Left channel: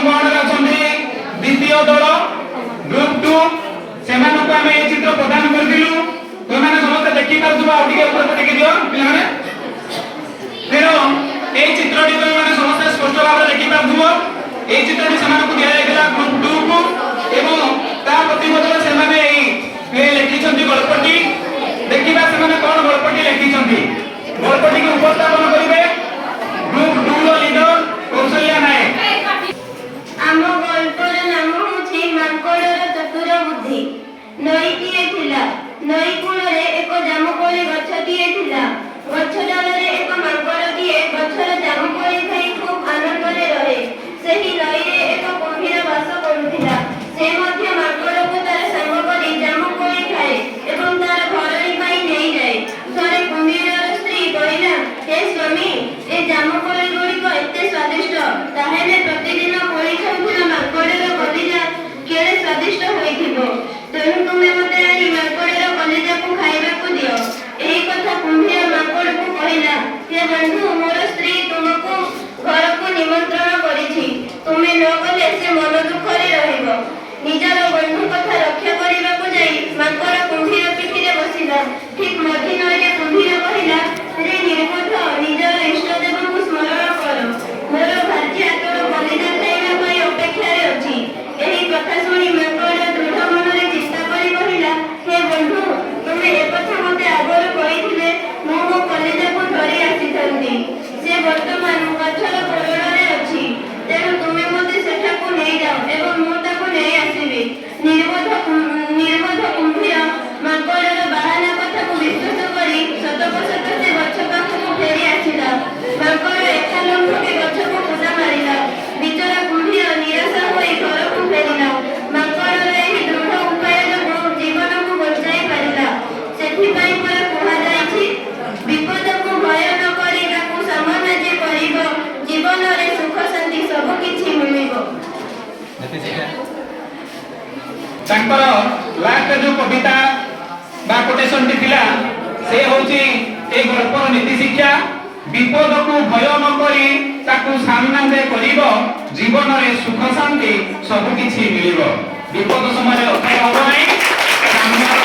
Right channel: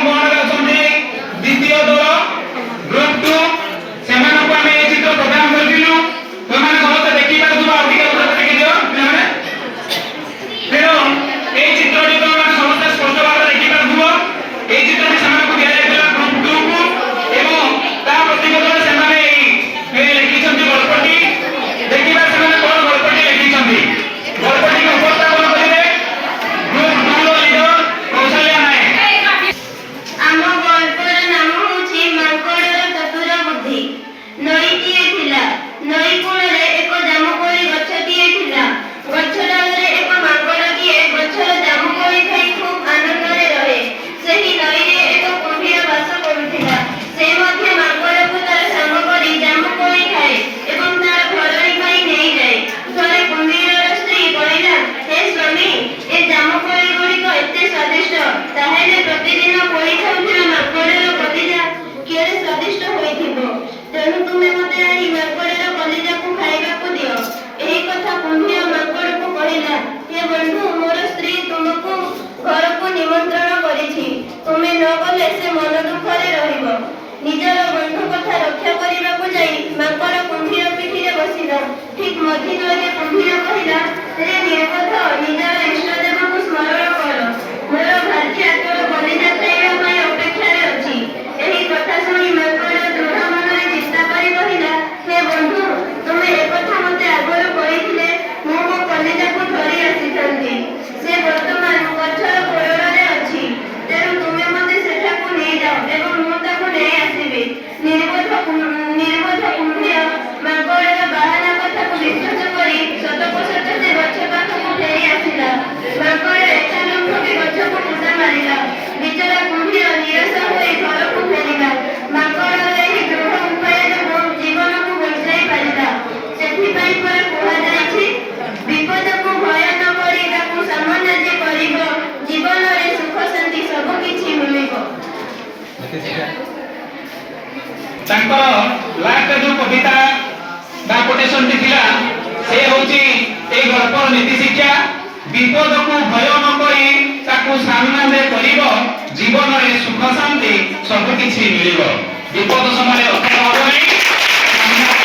अंगनवाड़ी अछंती द्वितीय दल ग्रुप 2 सेमानकु आमे ए चित्र प्रदान करथिलु तोमाने समस्त देखि पारुथबा आ टिके ऊपर टेकी दियो पिलाने फेरो ए चित्रटी तोमाने समस्त स्पष्ट भाबरे देखि पारुथबो ए चित्रटी सेमानकु दिया जायतिला ग्रुप 2 को एवं ता प्रतिबदले सेमाने ए लिखिछंती गल्पटी देखिबा सेमाने कोन गल्पटी लिखिछंती गल्पटी के उपस्थापन करिवे ग्रुप 2 रो लीडर कौशल्या नायक आम गल्पर नाम होछि मांकड़र चतुर बुद्धि। नईटीए थिला नई कूଳରେ एक जामुकोଳି गछटीए थिला गछ डालरे एक मांकड़टीए गछर जामुकोଳି खाई खूब आनंदरे रहे। सेही नईरे एक कुम्भीर बास करुथिला से मध्य मांकड़को तार संग करी जामुकोଳି खाए एवं तार घरणी पाई नेई जाए। थरे कुम्भीरर स्त्री कहिला हे स्वामी ए जामुकोଳି गुड़िक एते स्वादिष्ट ताहेले प्रतिदिन कोଳି खाउथिला मांकड़र कलिजा केड़े स्वादिष्ट होइथिबो तेणु तुमे मते आनी मांकड़र कलिजाको खाइबाकू दियो। एही कथा कुम्भीर मांकड़को कहिला हे बंधु मोर स्त्री तुमको घरको निमंत्रण करिछि तुमे न गले से मन दुखरे रहिबो। निजर बंधु कथा रक्षा करिबाकू जाई मांकड़ कुम्भीर पिठिरे बसिला। ठीक मझिनरे कुम्भीर कहिला रे निर्बोध निजर इष्टदेवको स्मरण कर मोर भार्या तोर कलिजा खाइबा पाई अपेक्षारे अछि। एही कथा शुणी मांकड़ दृढ़ मनरे चिंता करी कहिला हे बंधु तुमे ए कथा मते आगरु कहिथिले मो मो कलिजाको धरि आसिथांती से वर्तमान गछर कोरडरे अछि तेणु तुमे मते सेठाको नेई जाओ एवं मो ताको नेई आसीबे। निर्बोध कुम्भीर मांकड़र बाहाना कथाको विश्वास करी सतको सत से गछ पाखକୁ फेरी आसिला। मांकड़ एका लम्फके गछको मुदा मारिला। बिचरा कुम्भीर निराश होई घरକୁ फेरिला। मांकड़र ଏହି ଦୃଢ଼ ଉପାୟ ଯୋଗୁଁ ଜୀବନକୁ ବଞ୍ଚାଇ ପାରିଲା। ସେଥିପାଇଁ ପରା କୁହାଯାଇଛି ବିପଦକୁ ଭୟ ନ କରି ତାକୁ ସାମନା ଯେ କରିବ ଜୀବନରେ ସୁଖ ଶାନ୍ତି ସବୁ କିଛି ମିଳିବ। तांकर लास्ट जो कविता बा कोटेशन टी थिला से होची ए गल्पर नीति शिक्षा विपद को भय न करी ताकू सामना दे करिवो जीवन रे सुख शांति सब किछि मिलिवो। विपद समय अर्थात हो नै